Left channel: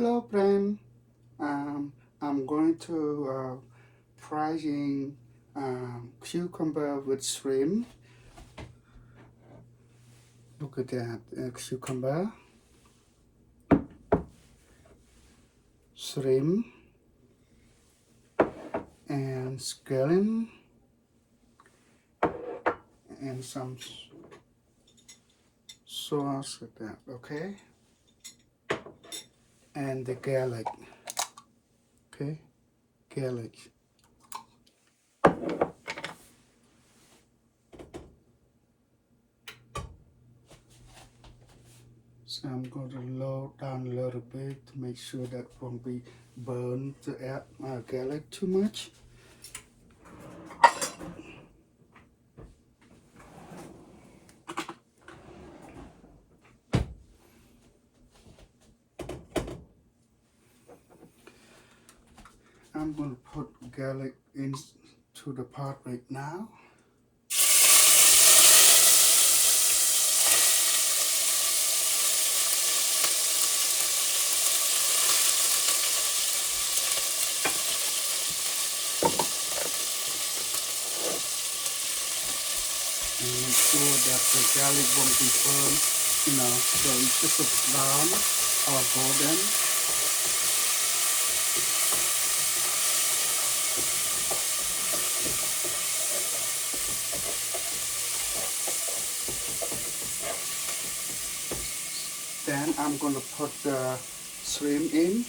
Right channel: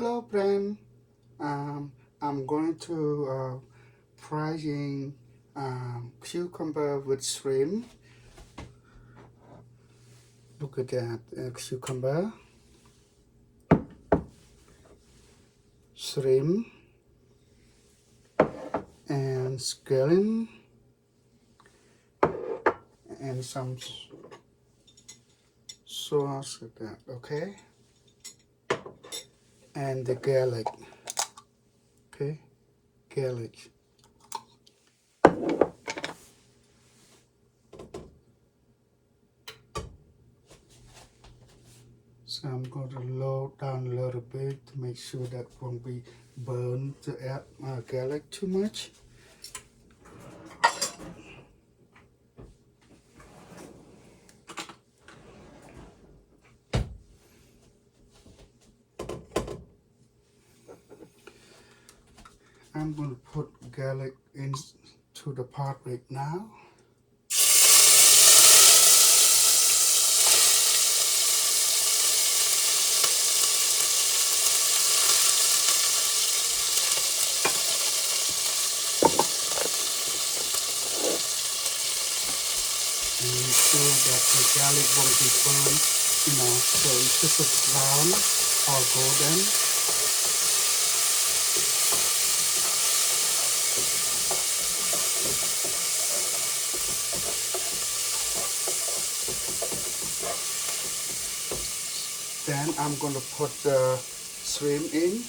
Hello, friend. I'm going to frying cucumber with shrimp. Look at that cucumber, shrimp, and scallion, and some sauce like that. Okay, and the garlic. Okay, garlic. So I'm going to lower down a little bit to make sure that won't be burned the garlic too much. I'm going to put garlic into the pot right now. And make sure that the garlic won't be burned, so it's just a brown or golden. Then I'm going to put the shrimp in.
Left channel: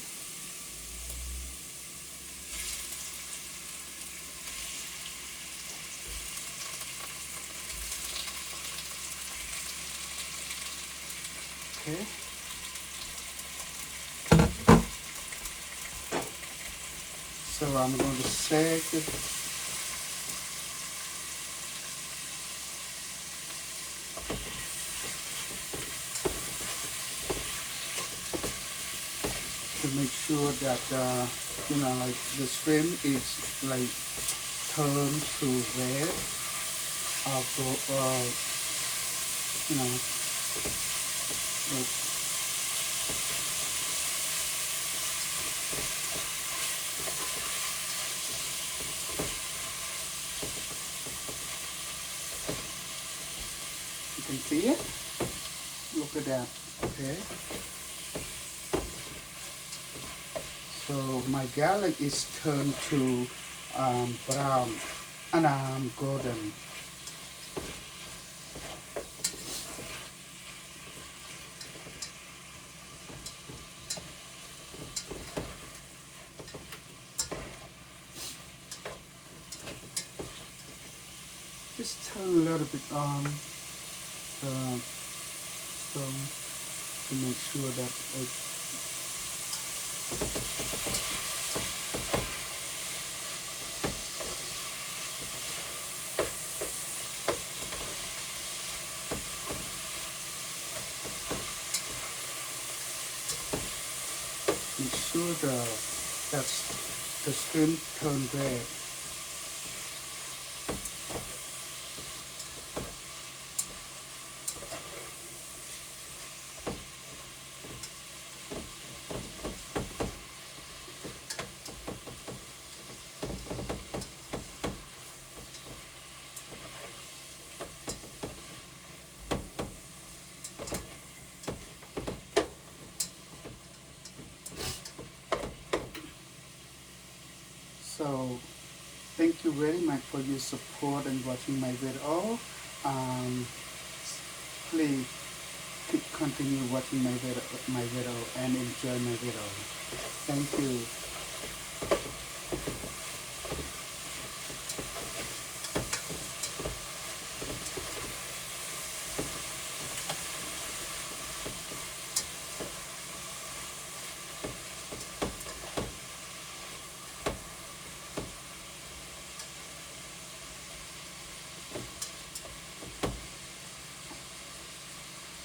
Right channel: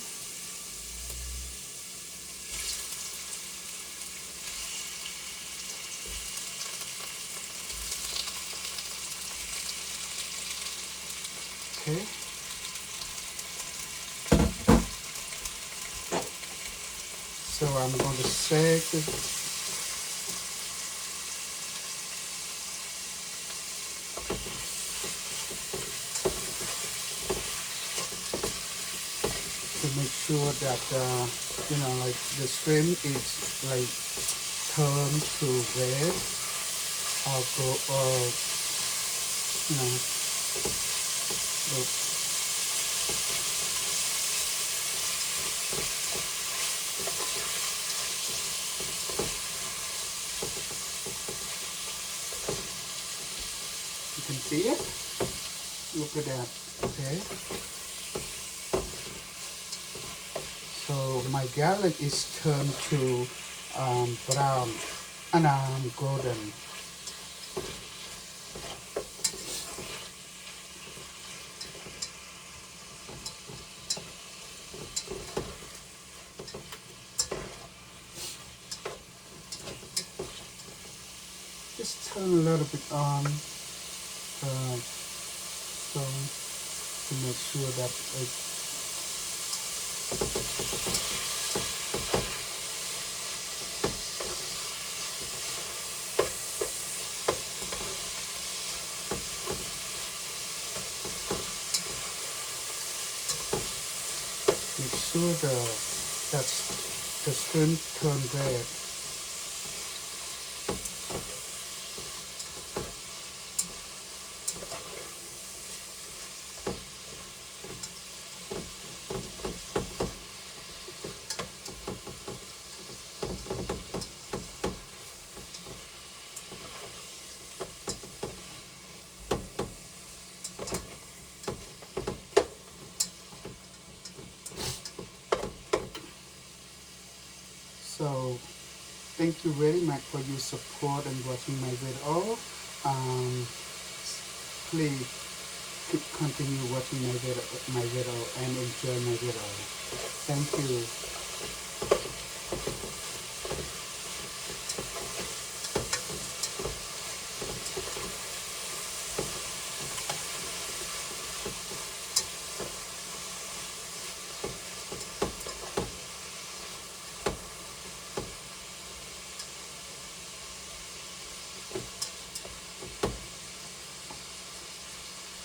Okay. So I'm going to shake it. To make sure that like the shrimp is like turned to red or go or you know look. You can see it. Look at that. Okay. So my garlic is turned to brown and golden. Just turn a little bit on so to make sure that it make sure that's the shrimp turn red. So thank you very much for your support and watching my video. Um, please keep continue watching my video and enjoy my video. Thank you.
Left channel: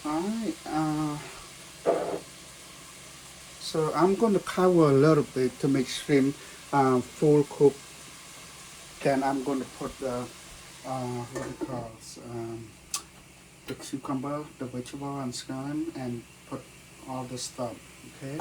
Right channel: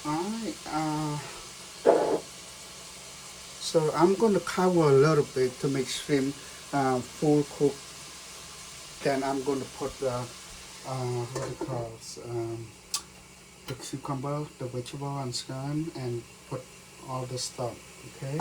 Alright, so I'm going to cover a little bit to make shrimp full cook. Then I'm going to put the what it calls the cucumber, the vegetable and scallion, and put all the stuff. Okay.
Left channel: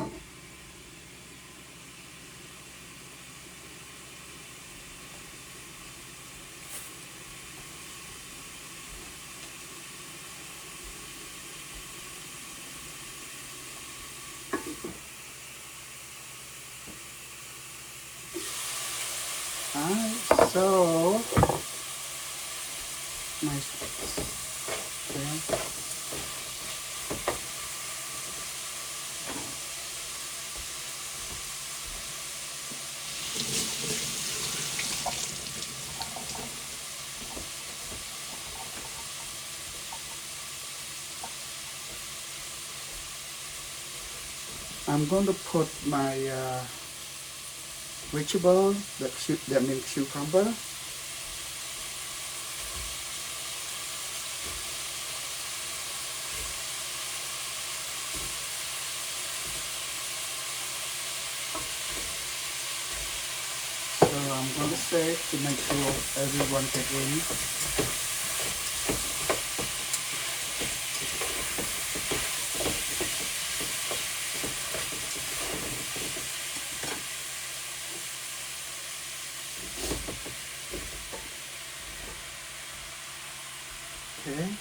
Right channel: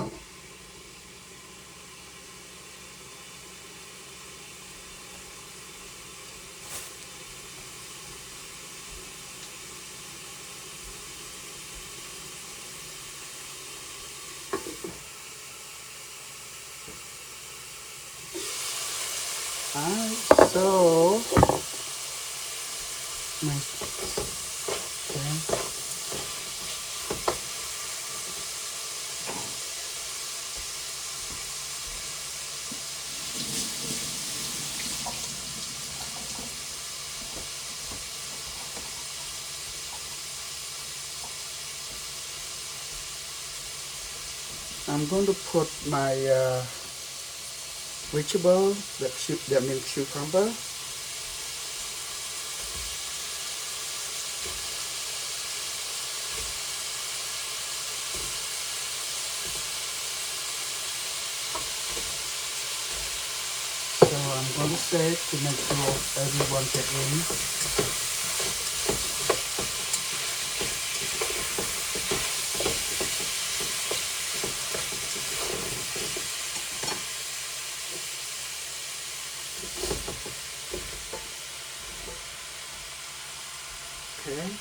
nice. Okay. I'm going to put my vegetable, that means cucumber. So I'm going to shake to make sure everyone get in. Okay.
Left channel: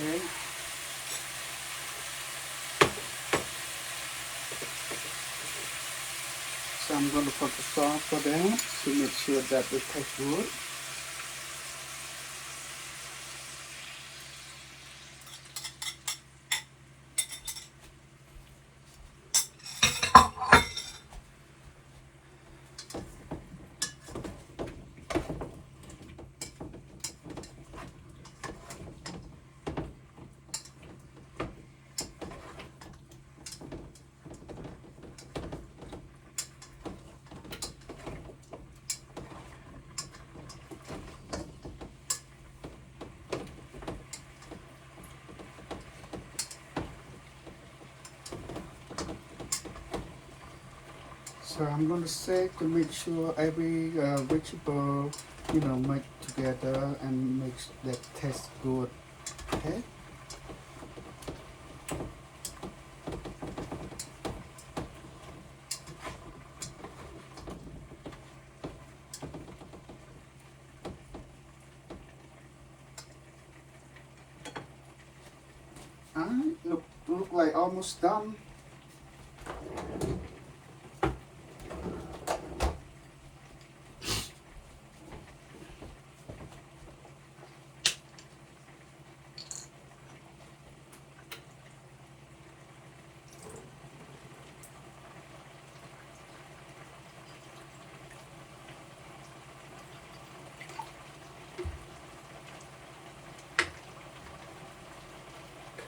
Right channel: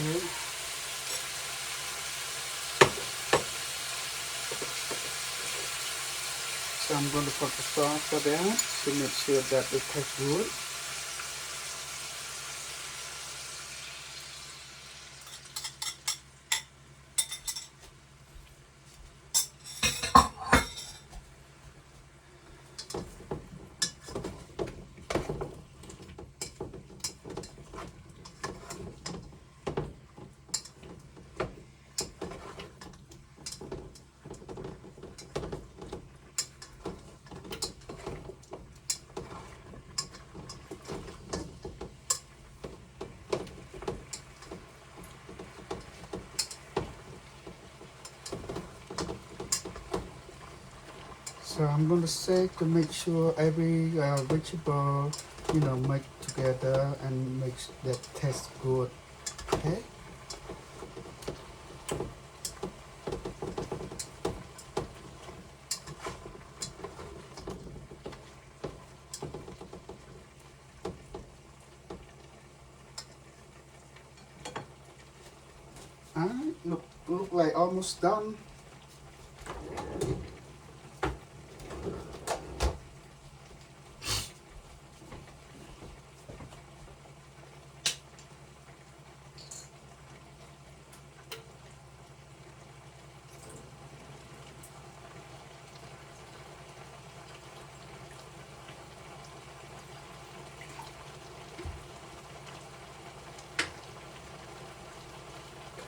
Okay. So I'm going to put the salt for that to make sure that it tastes good. So I'm going to shake to make sure every vegetable, make together and makes that taste good. Okay. And look like almost done.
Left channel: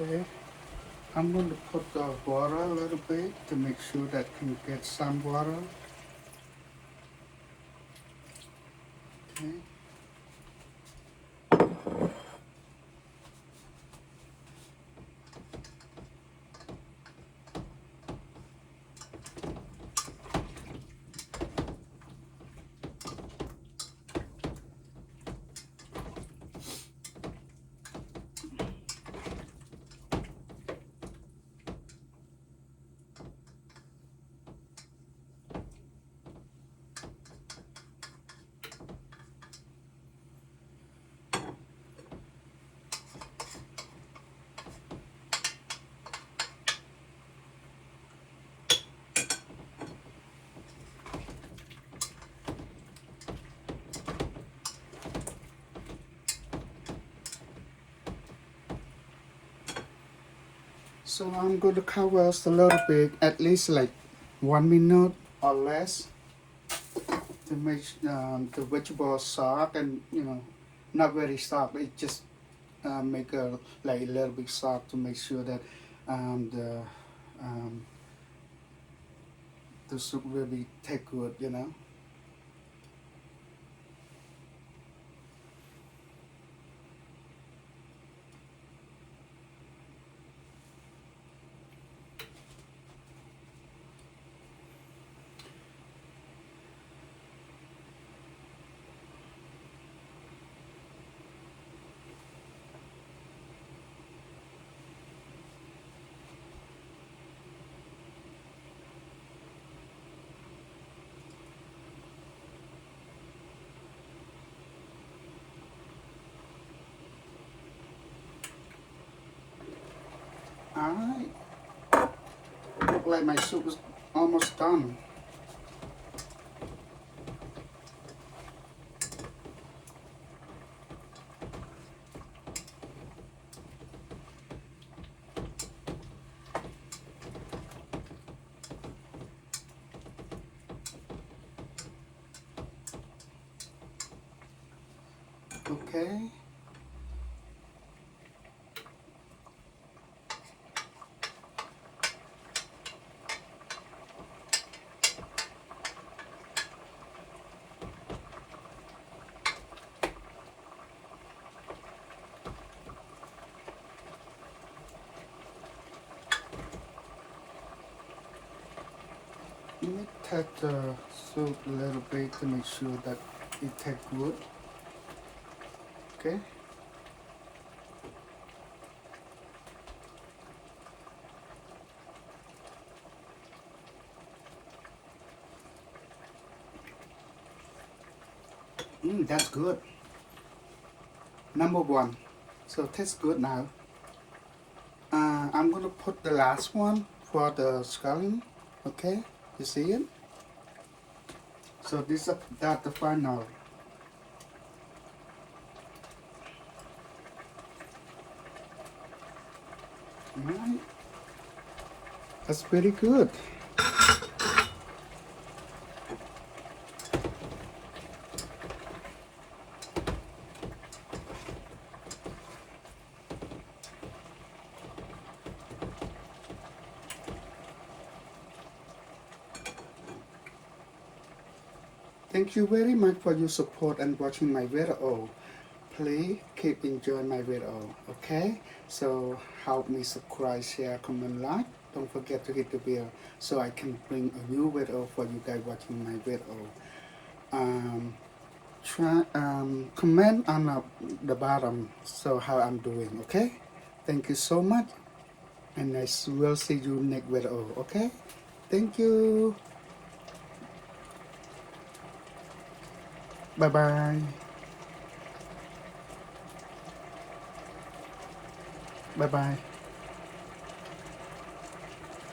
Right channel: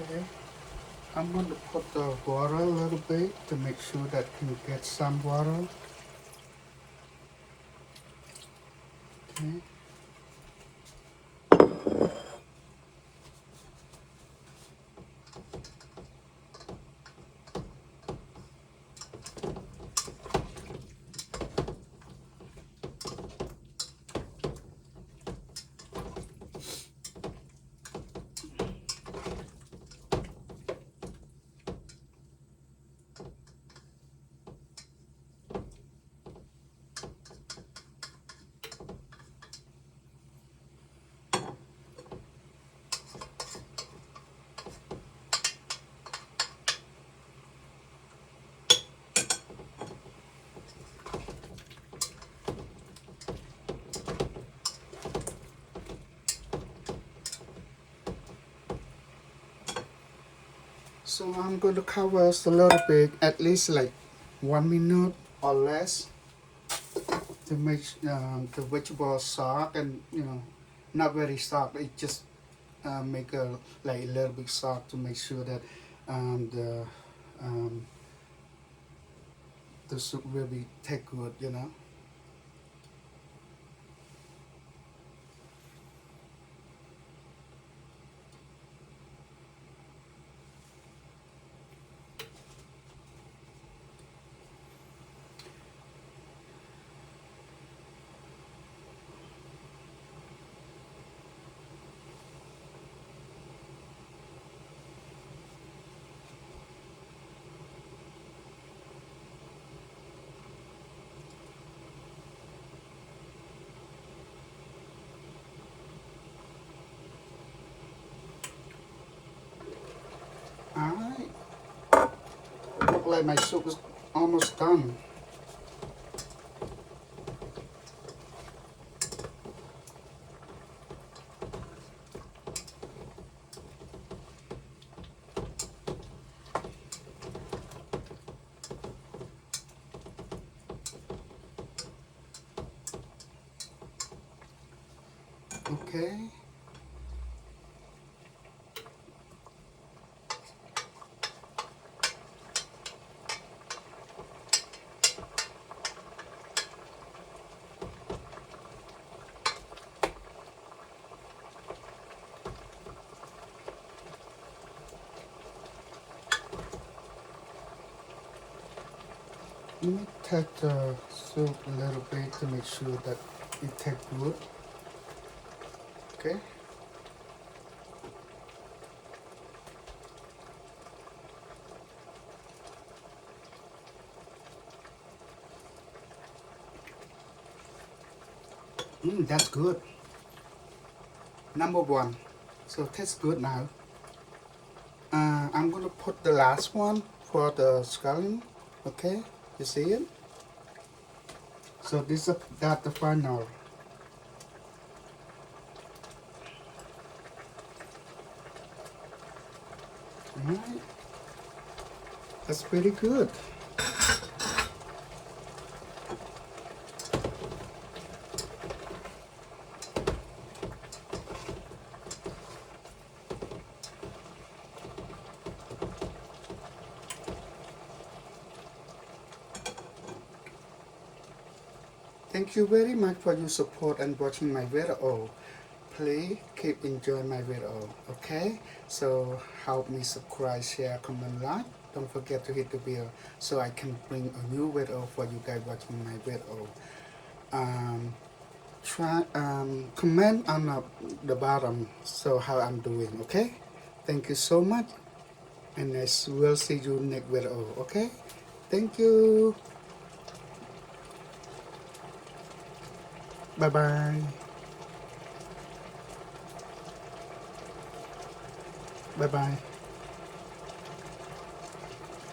Okay. I'm going to put the water a little bit to make sure that can get some water. Okay. So I'm going to cover us a little bit, at least like 1 minute or less, to make the vegetables soft and not very soft. It just make a like a little bit soft to make sure that um, the soup will be take good. like my soup is almost done. Okay. Let me take the soup a little bit to make sure that it tastes good. Okay. That's good. Number one. So tastes good now. I'm gonna put the last one for the scallion. Okay, you see it? So this is that the final. Alright, that's pretty good. Thank you very much for your support and watching my video. Please keep enjoying my video, okay? So help me subscribe, share, comment, like. Don't forget to hit the bell so I can bring a new video for you guys watching my video. Comment on the bottom so how I'm doing, okay? Thank you so much, and I will see you next video, okay? Thank you. Bye bye. Bye bye.